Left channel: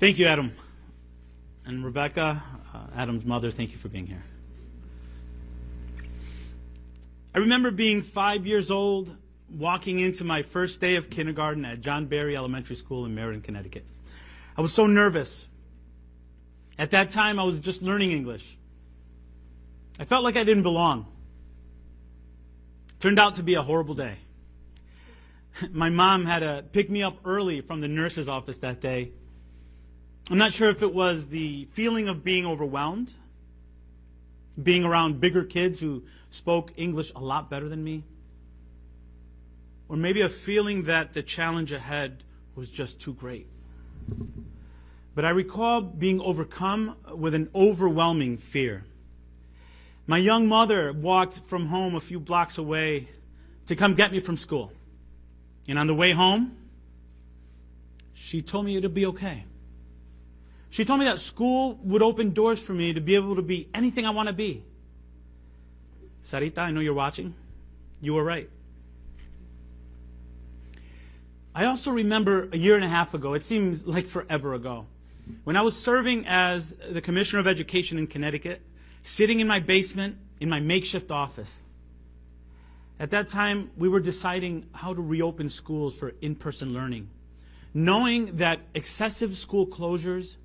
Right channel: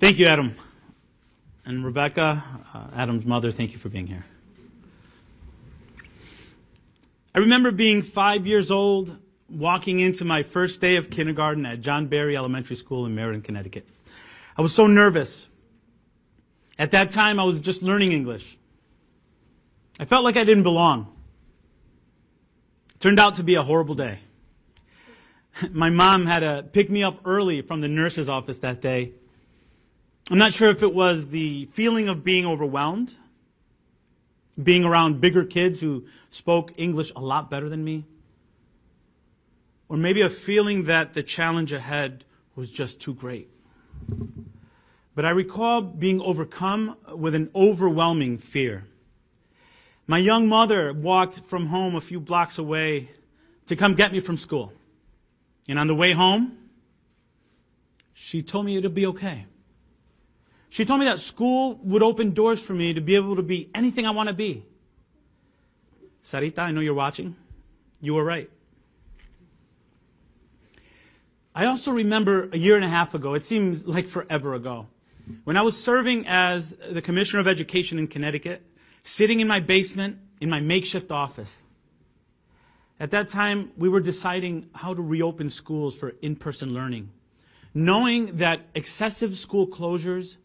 Thank you, Adam. And Rebecca, Adam's mother, thank you for being here. I remember being 5 years old, walking into my first day of kindergarten at John Berry Elementary School in Meriden, Connecticut. I was so nervous. At that time, I was just learning English. I felt like I didn't belong. Turned out to be a horrible day. My mom had to pick me up early from the nurse's office that day. I'm not sure if it was the feeling of being overwhelmed, being around bigger kids who spoke English a lot better than me, or maybe a feeling that the challenge ahead was just too great. But I recall being overcome with an overwhelming fear. My young mother walked from home a few blocks away to come get me from school. And on the way home, she told me it'd be okay. She told me that school would open doors for me to be able to be anything I want to be. Sarita, I know you're watching. You were right. I also remember a year and a half ago, it seems like forever ago, when I was serving as the Commissioner of Education in Connecticut, sitting in my basement in my makeshift office. At that time, we were deciding how to reopen schools for in-person learning, knowing that excessive school closures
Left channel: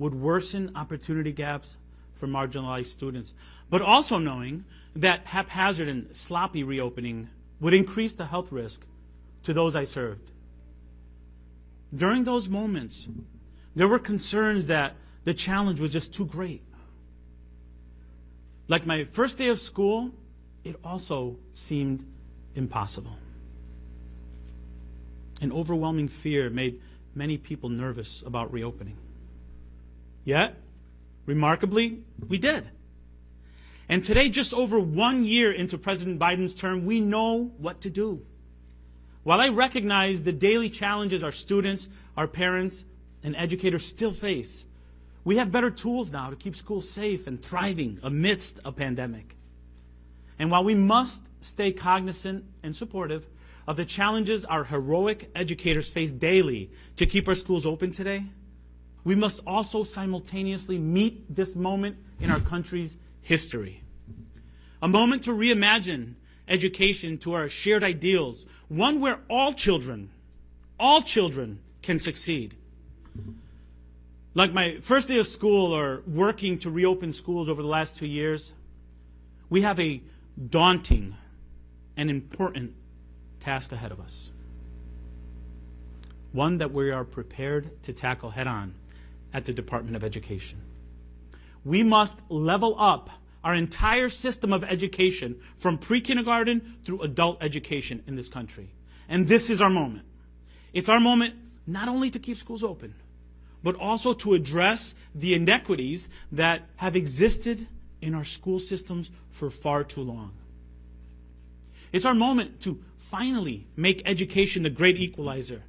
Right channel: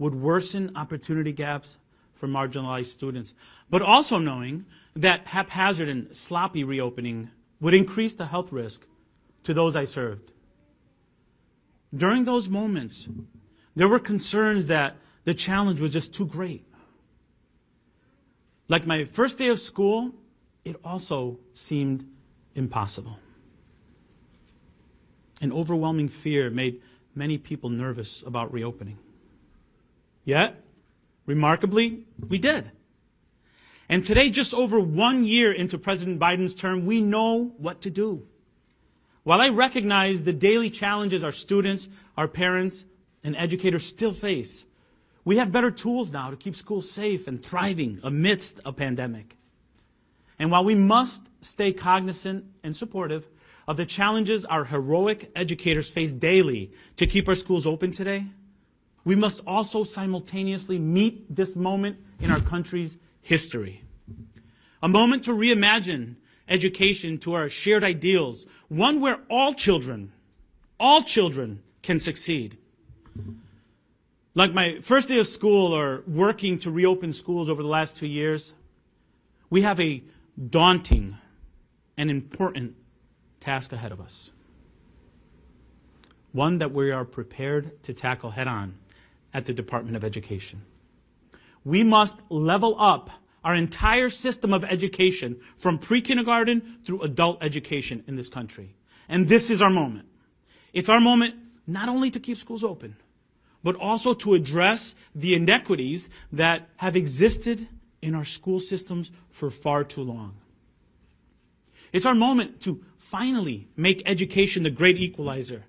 would worsen opportunity gaps for marginalized students, but also knowing that haphazard and sloppy reopening would increase the health risk to those I served. During those moments, there were concerns that the challenge was just too great. Like my first day of school, it also seemed impossible. An overwhelming fear made many people nervous about reopening. Yet, remarkably, we did. And today, just over 1 year into President Biden's term, we know what to do. While I recognize the daily challenges our students, our parents, and educators still face, we have better tools now to keep schools safe and thriving amidst a pandemic. And while we must stay cognizant and supportive of the challenges our heroic educators face daily to keep our schools open today, we must also simultaneously meet this moment in our country's history. A moment to reimagine education to our shared ideals, one where all children can succeed. Like my first day of school or working to reopen schools over the last 2 years, we have a daunting and important task ahead of us. One that we are prepared to tackle head on at the Department of Education. We must level up our entire system of education from pre-kindergarten through adult education in this country. And this is our moment. It's our moment not only to keep schools open, but also to address the inequities that have existed in our school systems for far too long. It's our moment to finally make education the great equalizer,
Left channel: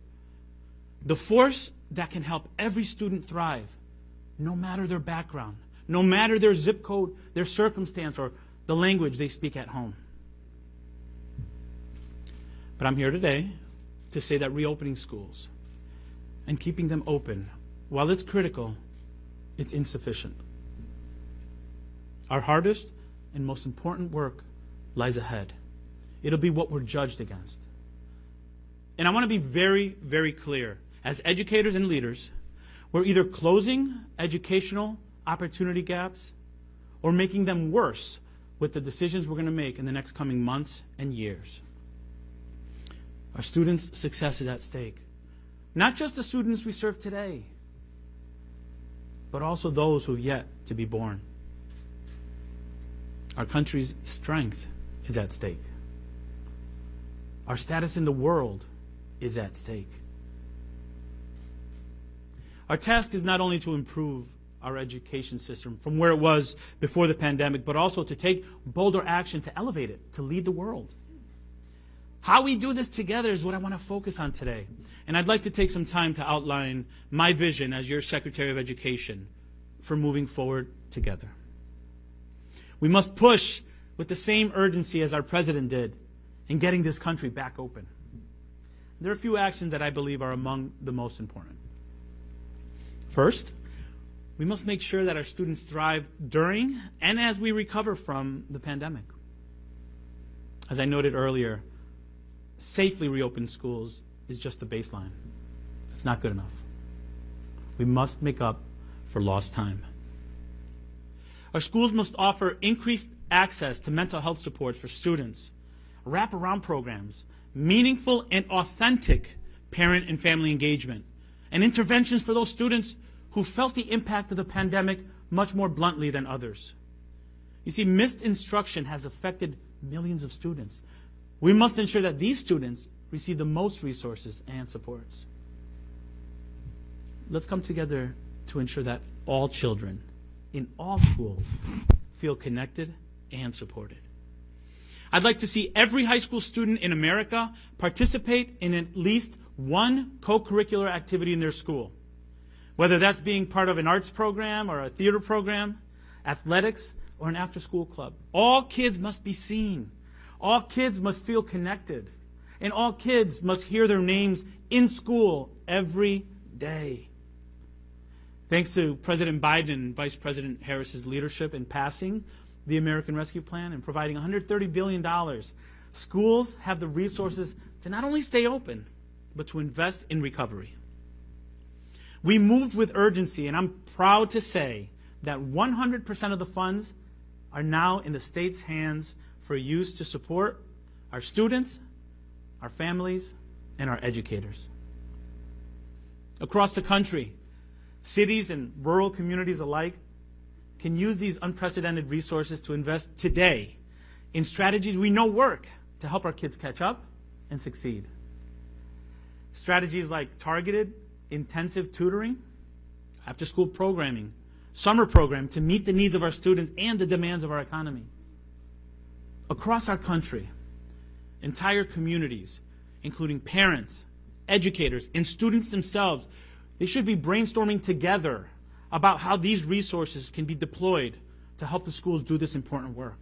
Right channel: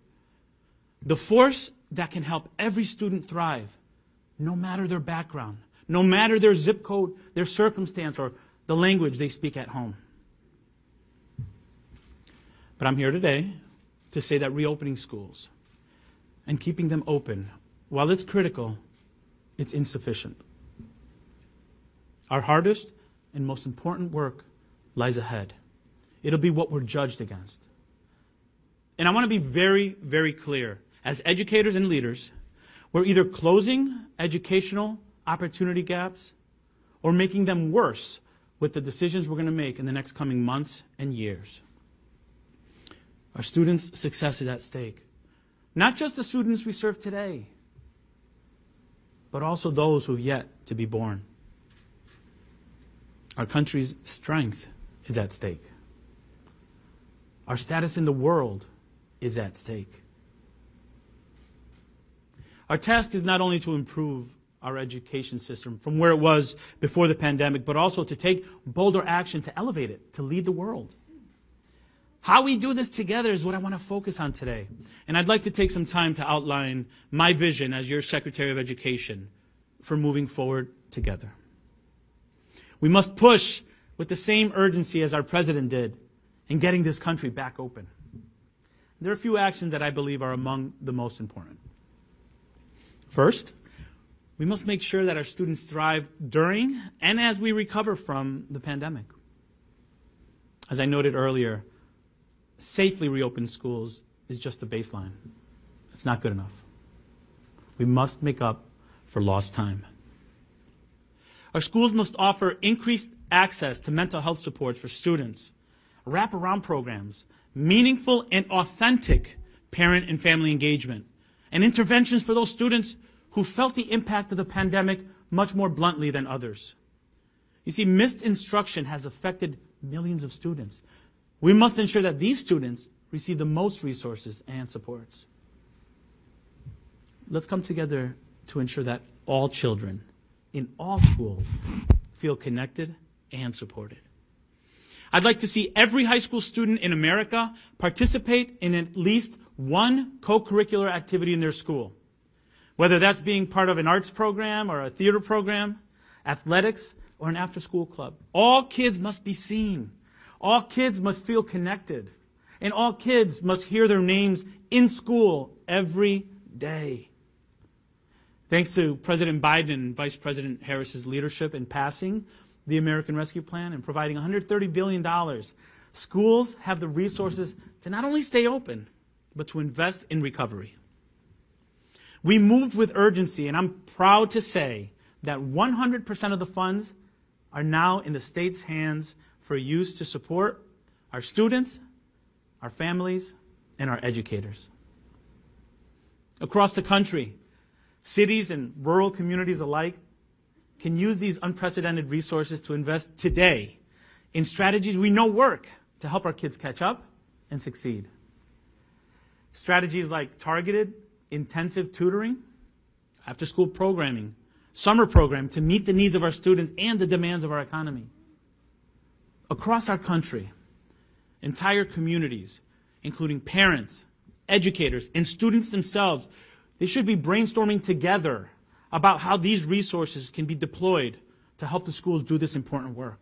the force that can help every student thrive, no matter their background, no matter their zip code, their circumstance, or the language they speak at home. But I'm here today to say that reopening schools and keeping them open, while it's critical, it's insufficient. Our hardest and most important work lies ahead. It'll be what we're judged against. And I want to be very, very clear. As educators and leaders, we're either closing educational opportunity gaps or making them worse with the decisions we're going to make in the next coming months and years. Our students' success is at stake. Not just the students we serve today, but also those who have yet to be born. Our country's strength is at stake. Our status in the world is at stake. Our task is not only to improve our education system from where it was before the pandemic, but also to take bolder action to elevate it, to lead the world. How we do this together is what I want to focus on today. And I'd like to take some time to outline my vision as your Secretary of Education for moving forward together. We must push with the same urgency as our president did in getting this country back open. There are a few actions that I believe are among the most important. First, we must make sure that our students thrive during and as we recover from the pandemic. As I noted earlier, safely reopened schools is just the baseline. It's not good enough. We must make up for lost time. Our schools must offer increased access to mental health supports for students, wraparound programs, meaningful and authentic parent and family engagement, and interventions for those students who felt the impact of the pandemic much more bluntly than others. You see, missed instruction has affected millions of students. We must ensure that these students receive the most resources and supports. Let's come together to ensure that all children in all schools feel connected and supported. I'd like to see every high school student in America participate in at least one co-curricular activity in their school, whether that's being part of an arts program or a theater program, athletics, or an after-school club. All kids must be seen. All kids must feel connected. And all kids must hear their names in school every day. Thanks to President Biden and Vice President Harris's leadership in passing the American Rescue Plan and providing $130 billion, schools have the resources to not only stay open, but to invest in recovery. We moved with urgency, and I'm proud to say that 100% of the funds are now in the state's hands for use to support our students, our families, and our educators. Across the country, cities and rural communities alike can use these unprecedented resources to invest today in strategies we know work to help our kids catch up and succeed. Strategies like targeted, intensive tutoring, after-school programming, summer program to meet the needs of our students and the demands of our economy. Across our country, entire communities, including parents, educators, and students themselves, they should be brainstorming together about how these resources can be deployed to help the schools do this important work.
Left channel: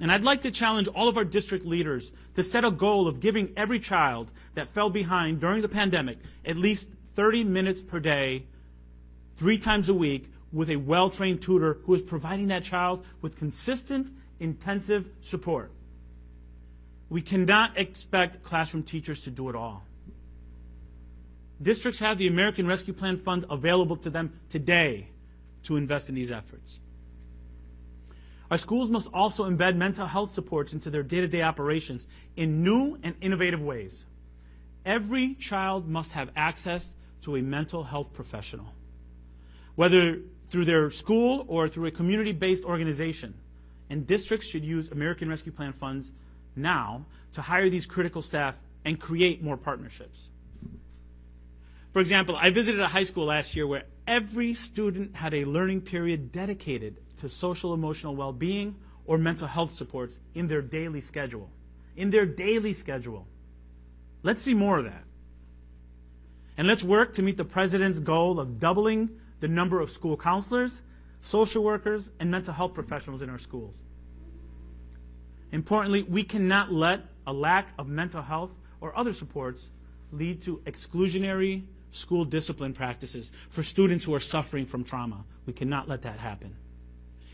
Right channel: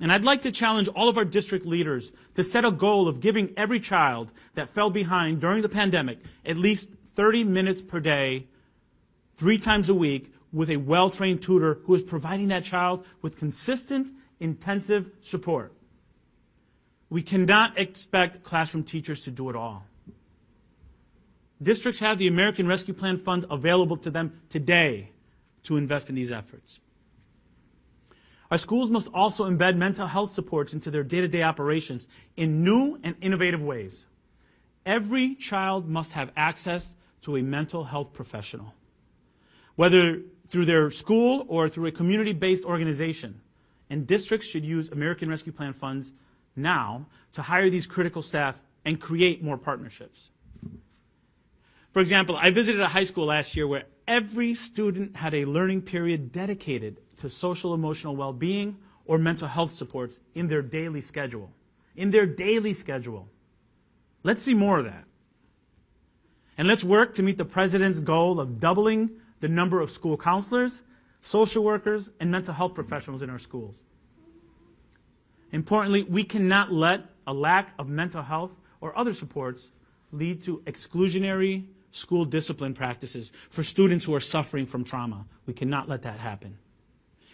And I'd like to challenge all of our district leaders to set a goal of giving every child that fell behind during the pandemic at least 30 minutes per day, 3 times a week, with a well-trained tutor who is providing that child with consistent, intensive support. We cannot expect classroom teachers to do it all. Districts have the American Rescue Plan funds available to them today to invest in these efforts. Our schools must also embed mental health supports into their day-to-day operations in new and innovative ways. Every child must have access to a mental health professional, whether through their school or through a community-based organization. And districts should use American Rescue Plan funds now to hire these critical staff and create more partnerships. For example, I visited a high school last year where every student had a learning period dedicated to social emotional well-being or mental health supports in their daily schedule. Let's see more of that. And let's work to meet the president's goal of doubling the number of school counselors, social workers, and mental health professionals in our schools. Importantly, we cannot let a lack of mental health or other supports lead to exclusionary school discipline practices for students who are suffering from trauma. We cannot let that happen.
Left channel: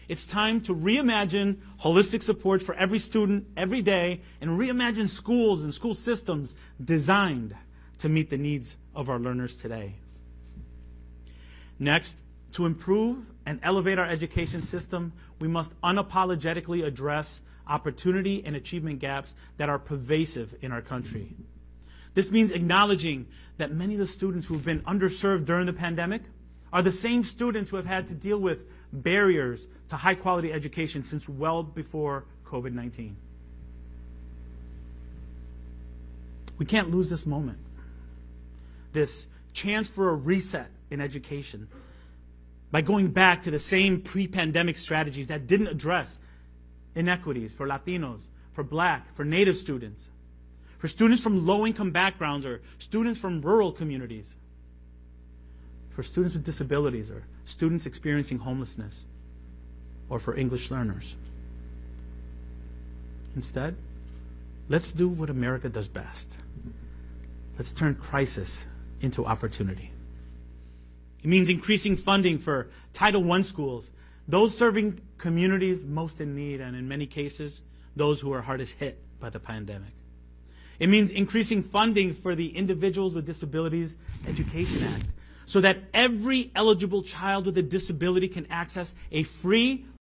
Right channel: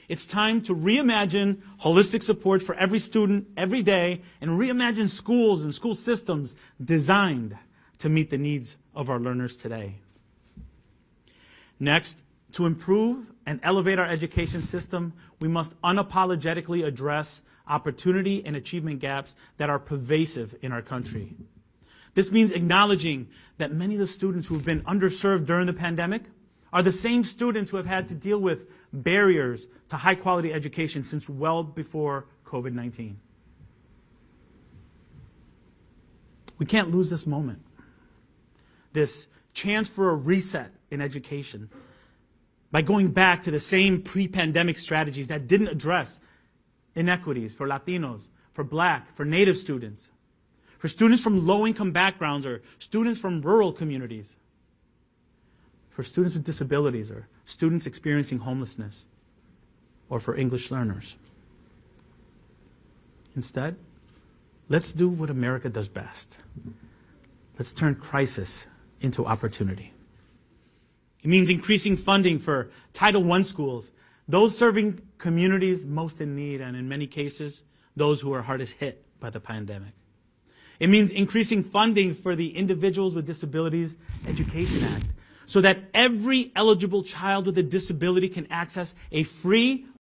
It's time to reimagine holistic support for every student every day and reimagine schools and school systems designed to meet the needs of our learners today. Next, to improve and elevate our education system, we must unapologetically address opportunity and achievement gaps that are pervasive in our country. This means acknowledging that many of the students who have been underserved during the pandemic are the same students who have had to deal with barriers to high-quality education since well before COVID-19. We can't lose this moment, this chance for a reset in education, by going back to the same pre-pandemic strategies that didn't address inequities for Latinos, for Black, for Native students, for students from low-income backgrounds or students from rural communities, for students with disabilities or students experiencing homelessness, or for English learners. Instead, let's do what America does best. Let's turn crisis into opportunity. It means increasing funding for Title I schools, those serving communities most in need, and in many cases, those who are hardest hit by the pandemic. It means increasing funding for the Individuals with Disabilities Education Act, so that every eligible child with a disability can access a free